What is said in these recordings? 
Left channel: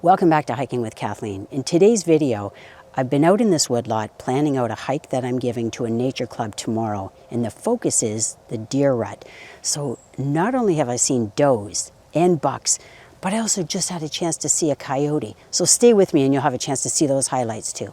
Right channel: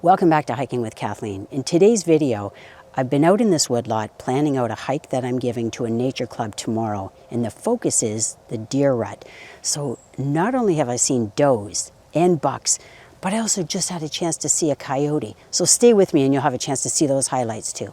Welcome back to Hiking with Kathleen. In today's video, I've been out in this woodlot planning out a hike that I'm giving to a nature club tomorrow, and the focus is the deer rut. So not only have I seen does and bucks, but I also just had a chance to see a coyote. So stay with me and you'll have a chance to see those highlights too.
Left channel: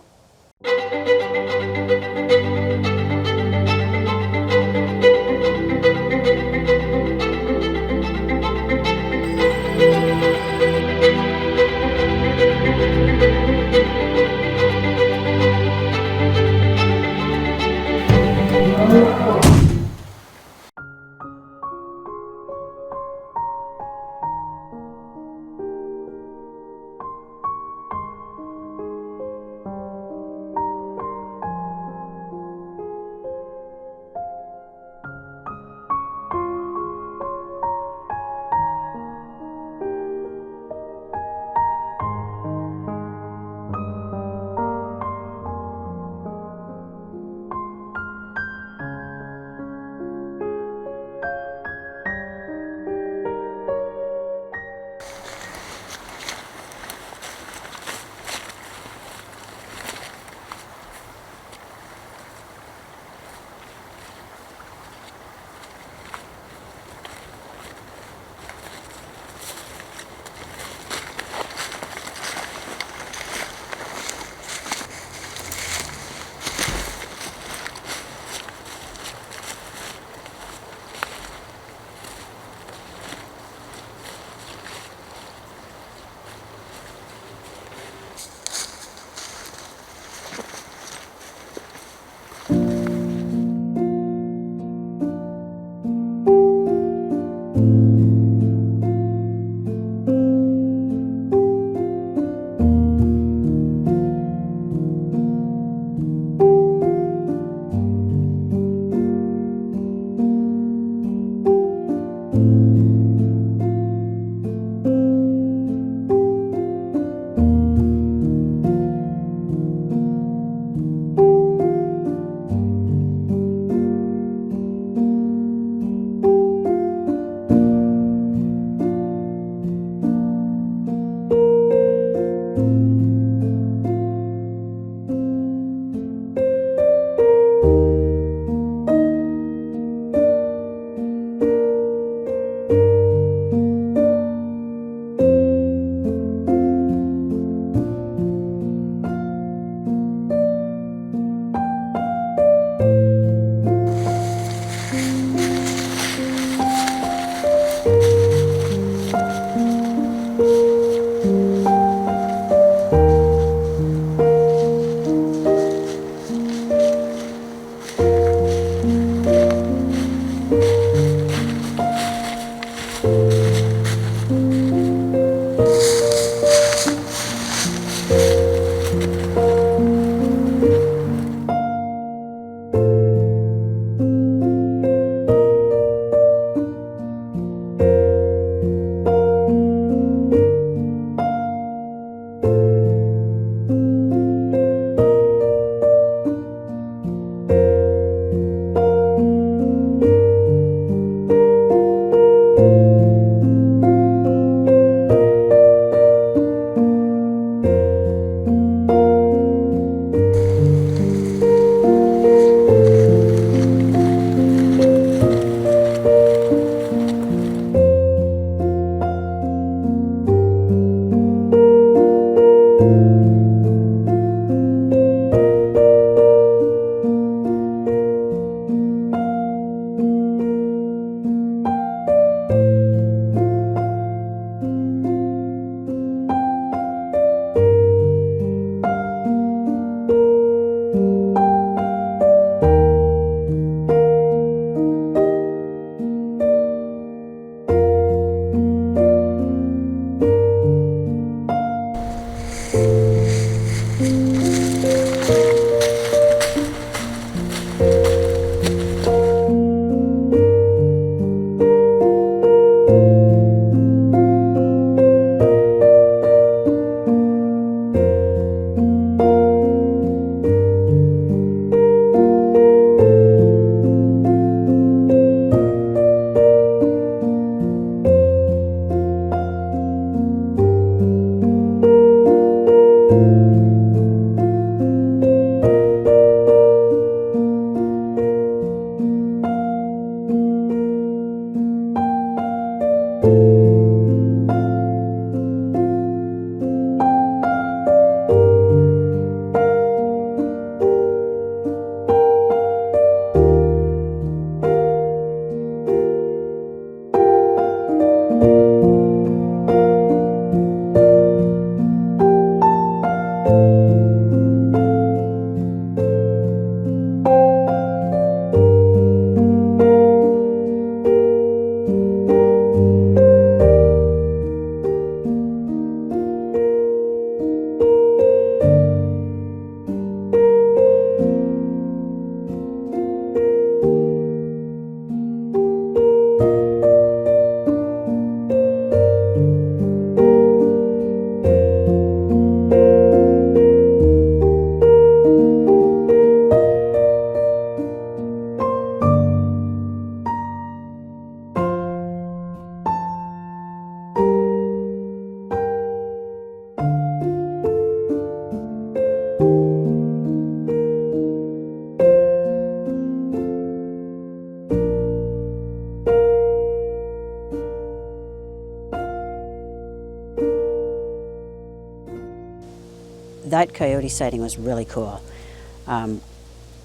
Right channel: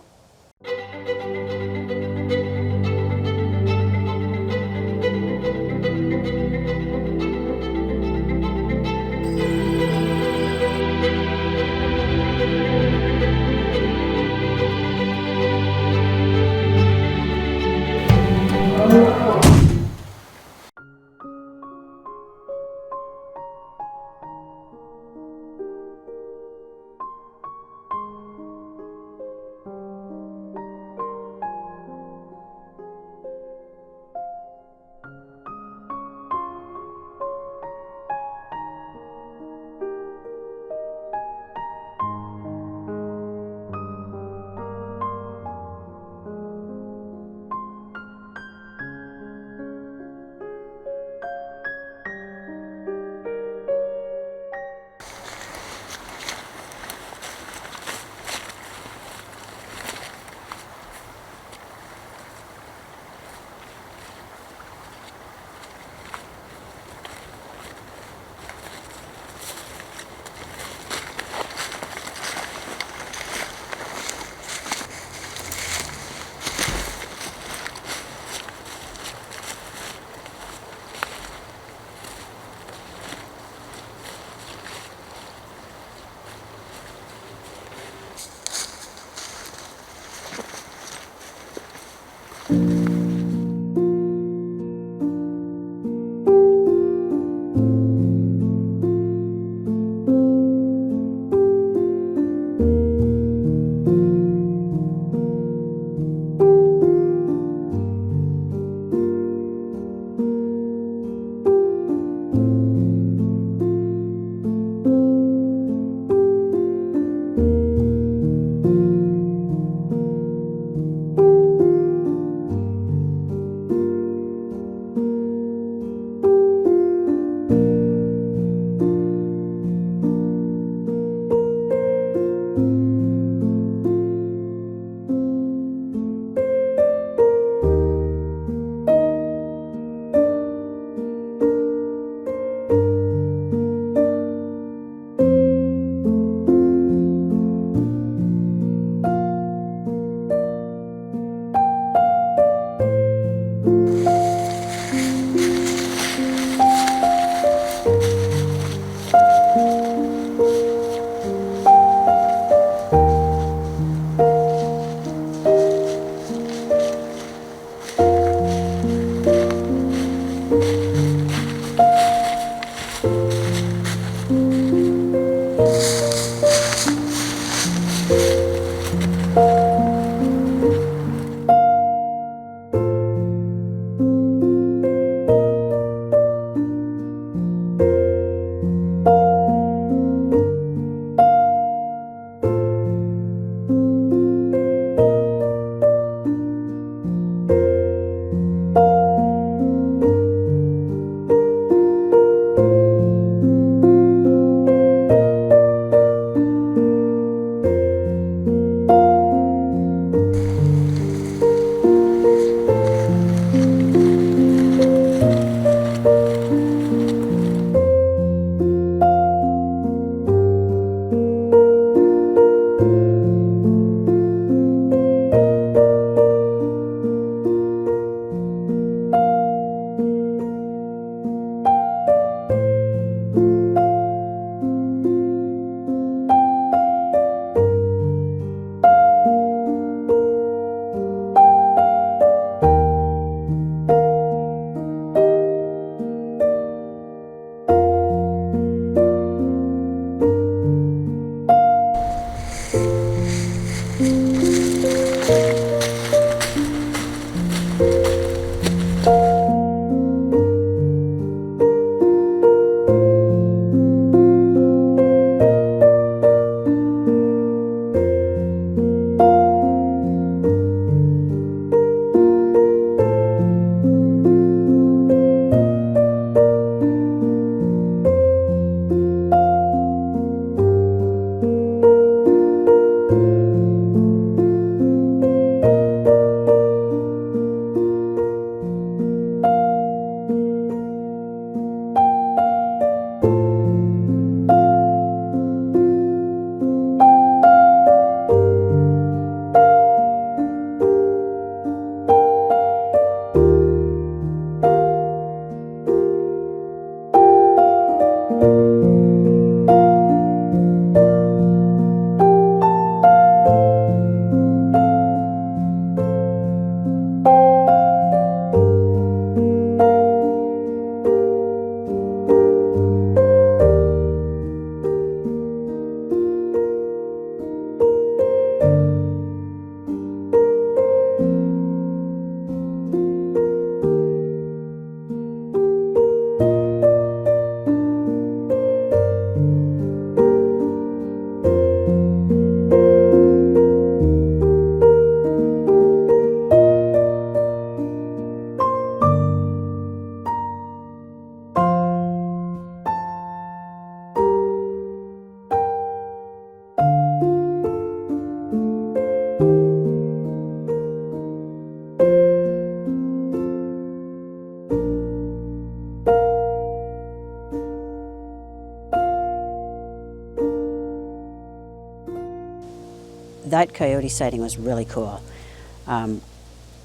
that coyote sighting was really cool.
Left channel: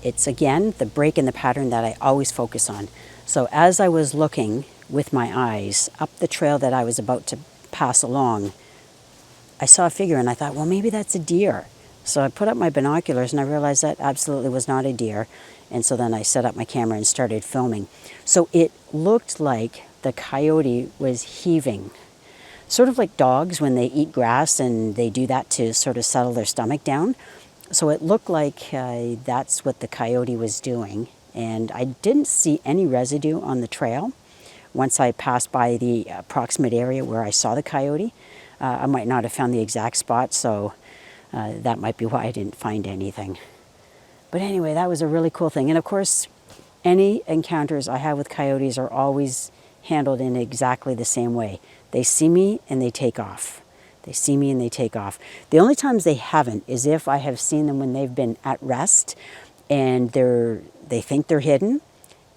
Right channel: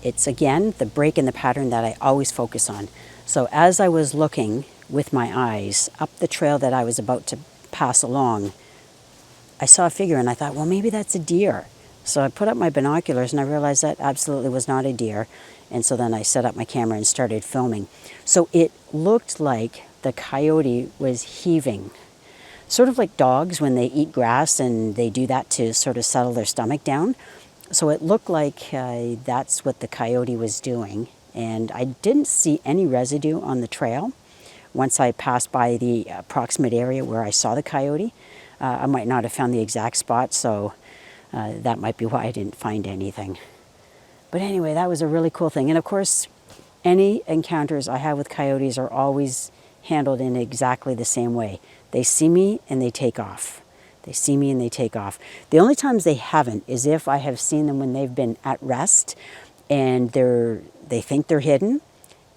It's again the break in the pattern that I always focus on. So as I was looking with my eyes up the trail that I was about to pass along, I saw a figure and I thought, well, maybe that's a deer. So I put up my binoculars and I realized that absolutely was not a deer. And so then I set up my camera and started filming. So it looked like the coyote was heaving, sort of like dogs when they eat grass and they do that to sort of settle their stomach down. So it looked like that's what the coyote was doing. And I didn't see any residue on the trail once I passed by the approximate area where I saw the coyote. I might not have found the exact spot, so that might be why I didn't find anything. But anyway, that was a really cool thing. And of course, any encounters I have with coyotes are always handled in exactly the same way. They see me and they take off. They see me and they take off. The only times they haven't is if I have seen them when they've been at rest and they think they're hidden,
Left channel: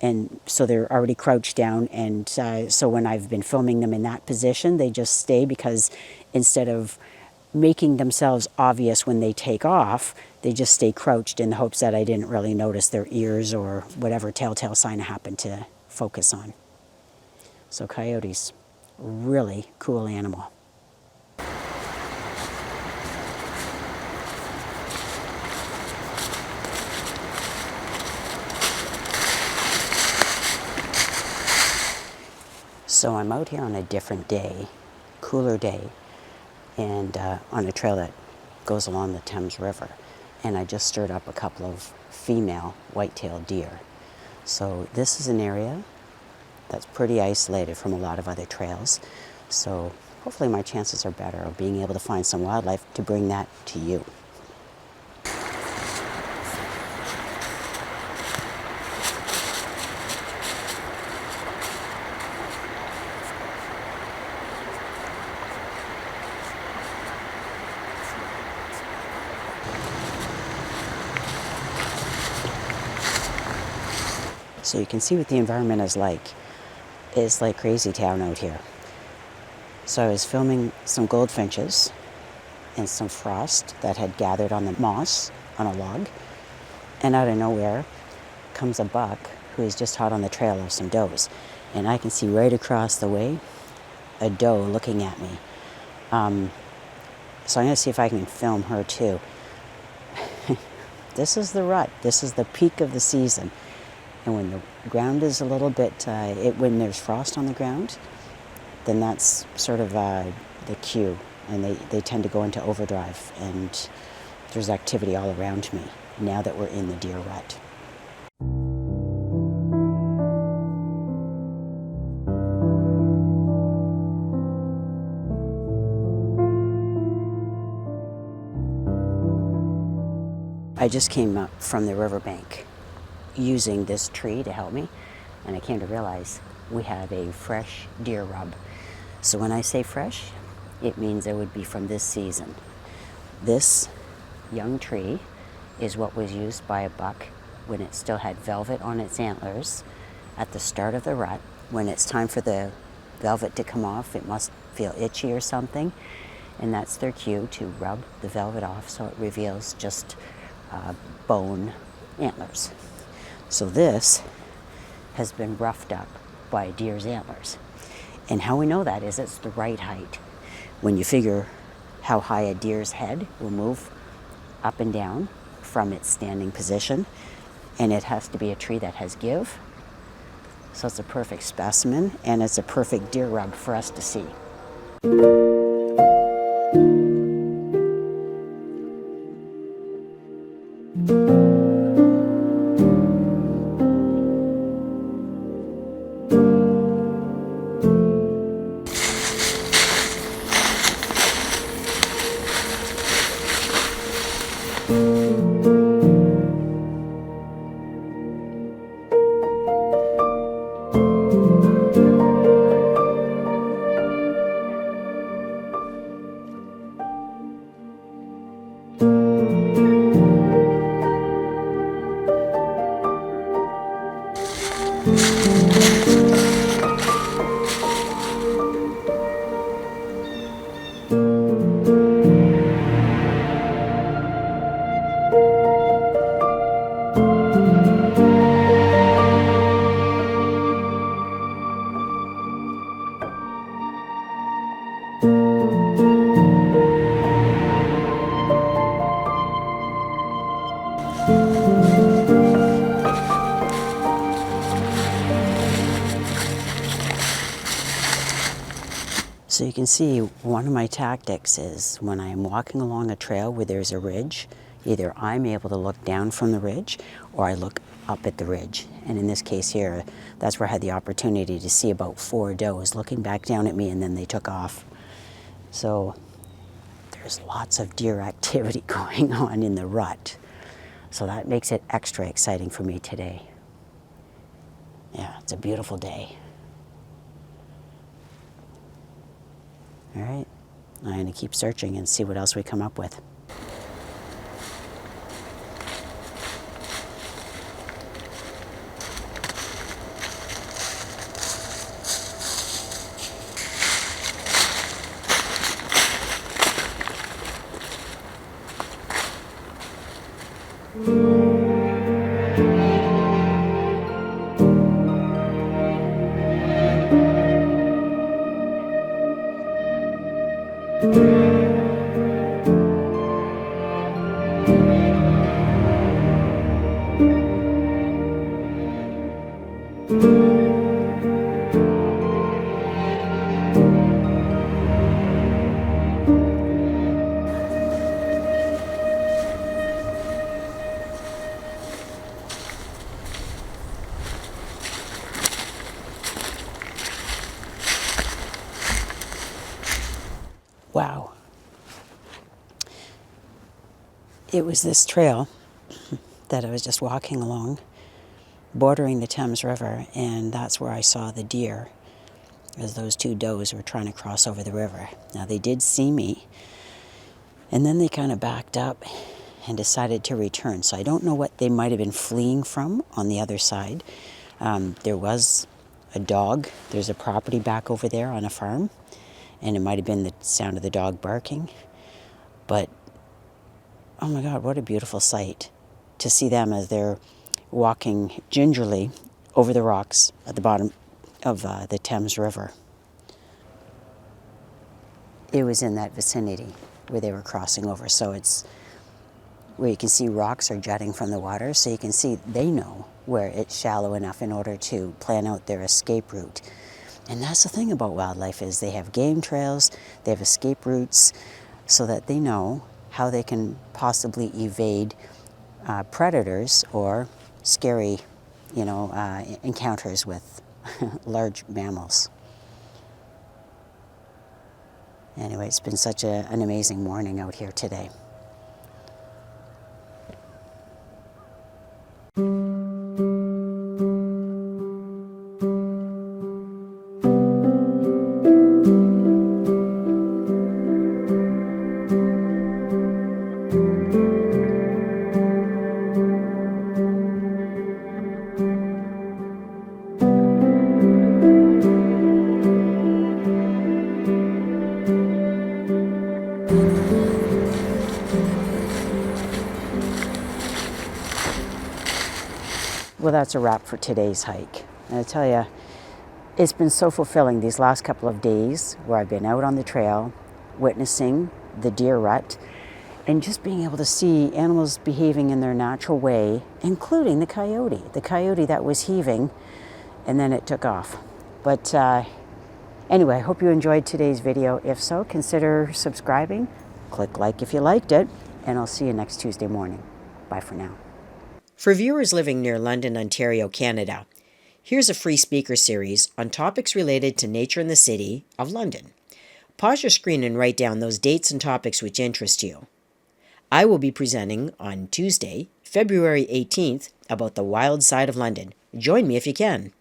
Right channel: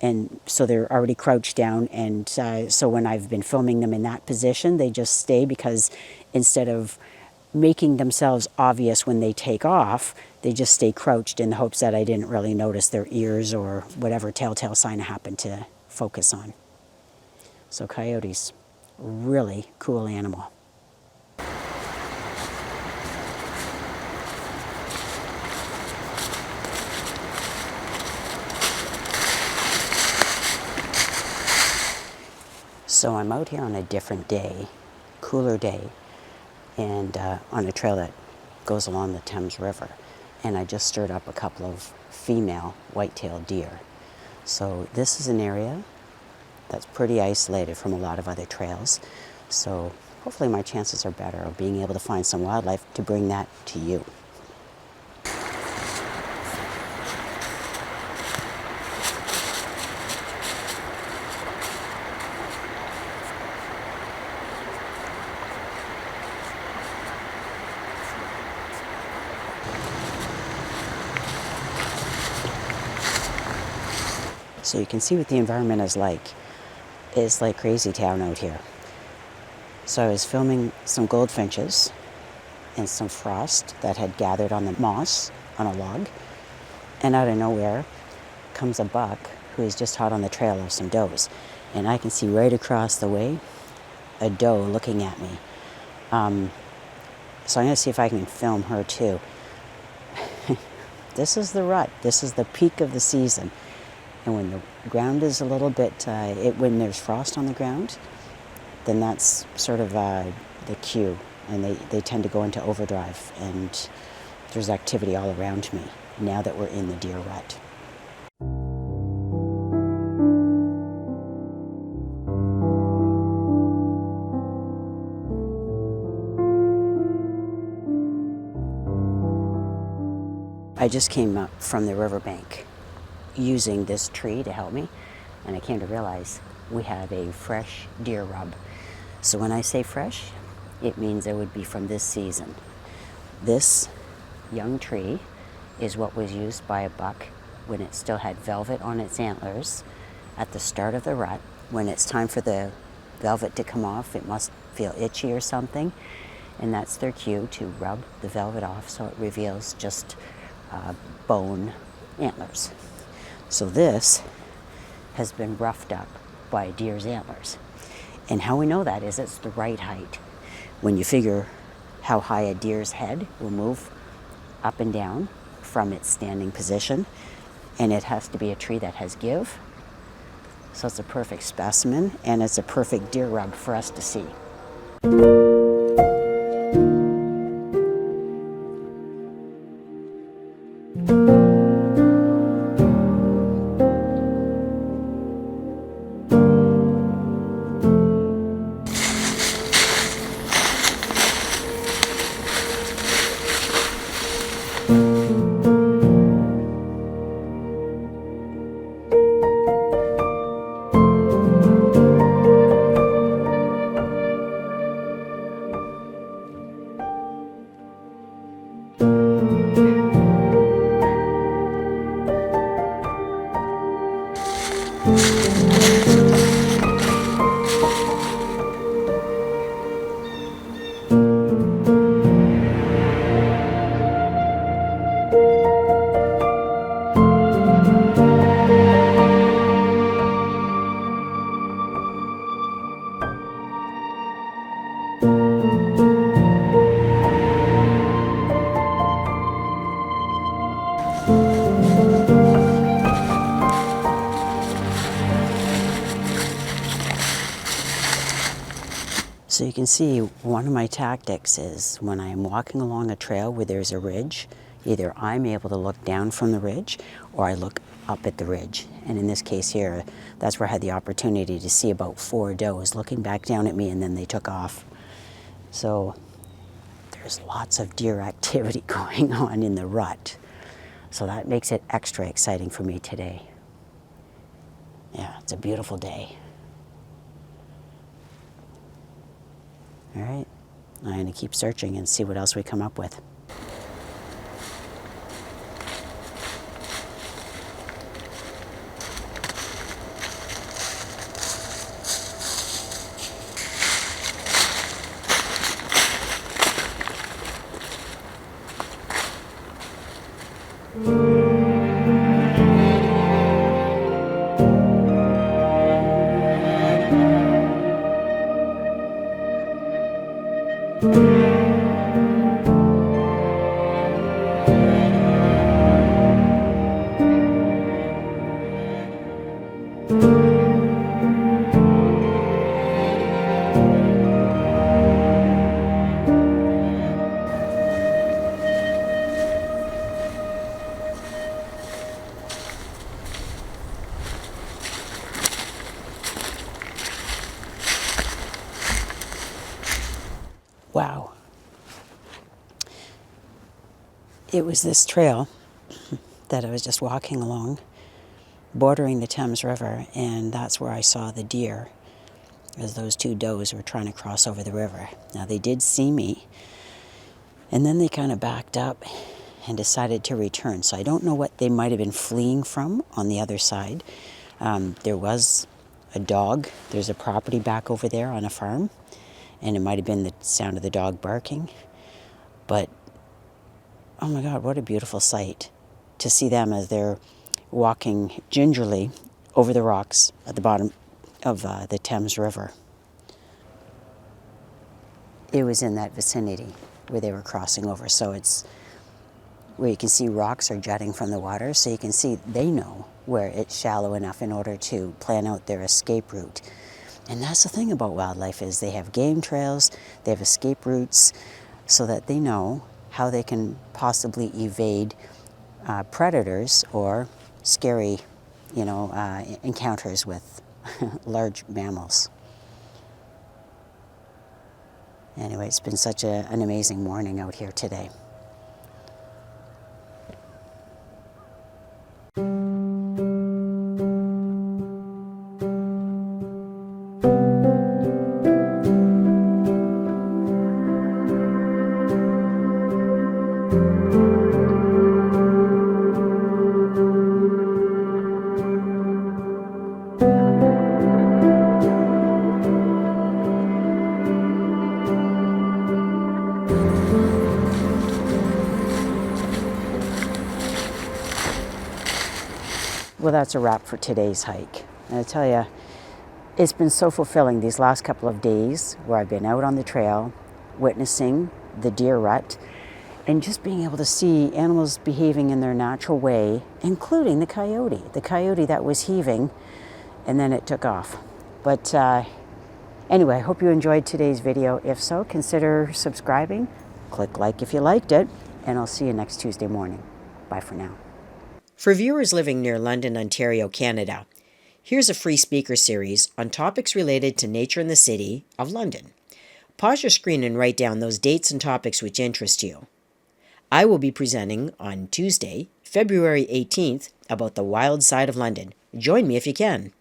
and so they're already crouched down. And so when I've been filming them in that position, they just stay, because instead of making themselves obvious when they take off, they just stay crouched in the hopes that I didn't really notice their ears or whatever telltale sign I happened to focus on. So coyotes, really cool animal. So I'm out here on a different day, cooler day, and on a trail that goes along the Thames River. And I just stirred up a couple of female white-tailed deer. So this is an area that's pretty isolated from a lot of other trails. So hopefully my chances are better of being able to find some wildlife to bring that to you. So you can see what the environment is like. It's like crazy town out here. So I was filming some goldfinches and some frost that had gathered on the moss on a log. And out of nowhere comes a buck who is just hot on the trail of some does. And I can see right across the way a doe looking at me. So I'm going to see if I can film her too. This is the rut. This is the peak of the season. And when the ground is a little bit, when there's frost on the ground, then that's sort of the cue. And they tend to go into overdrive. And there's activity all around me now that we're in the deer rut. I just came up from the riverbank using this tree to help me, and I came to realize we have a fresh deer rub. So when I say fresh, it means it would be from this season. This young tree is what was used by a buck when it still had velvet on its antlers at the start of the rut. When it's time for the velvet to come off, it must feel itchy or something, and that's their cue to rub the velvet off so it reveals just bone antlers. So this has been roughed up by a deer's antlers. And how we know that is it's the right height. When you figure how high a deer's head will move up and down from its standing position, and it has to be a tree that has give. So it's a perfect specimen, and it's a perfect deer rub for us to see. So you can see one of my tactics is when I'm walking along a trail where there's a ridge, either I'm able to look down from the ridge or I look up at the ridge. And in this case here, that's where I had the opportunity to see about 4 does looking back down at me, and then they took off. So there's lots of deer activity going on in the rut. So that makes it extra exciting for me today. Yeah, it's a beautiful day. All right, I'm going to keep searching and see what else we come up with. Wow. It was this trail that I was just walking along, bordering the Thames River, and that's where I saw the deer as those 2 does were trying to cross over the river. Now they did see me, and then they kind of backed up and decided to return. So I don't know what they might have been fleeing from on the other side. There was a dog. There's a property back over there on a farm, and it might have been the sound of the dog barking. But, oh my God, what a beautiful sight to see them as they're walking gingerly over the rocks at the bottom of the Thames River. It was in that vicinity where they were crossing over. So it's where you can see rocks are jutting from the water. So you can see they know where it's shallow enough in order to plan out their escape route. And that's the thing about wildlife is they have game trails, they have escape routes, so that they know how they can possibly evade predators or scary, encounters with large mammals. Anyway, it's been such an amazing morning out here today. Well, that's a wrap for today's hike. And I tell you, it's been so fulfilling these last couple of days where I've been out on the trail, witnessing the deer rut, and just being able to see animals behaving in their natural way, including the coyote that was heaving, and then it took off. But anyway, I hope you enjoyed today's video. If so, consider subscribing, click like if you liked it, and I'll see you next Tuesday morning. Bye for now. For viewers living near London, Ontario, Canada, here's a free speaker series on topics related to nature in the city of London. Pause your screen and write down those dates and topics which interest you. I will be presenting on Tuesday, February 18th, about the wild side of London. Join me if you can.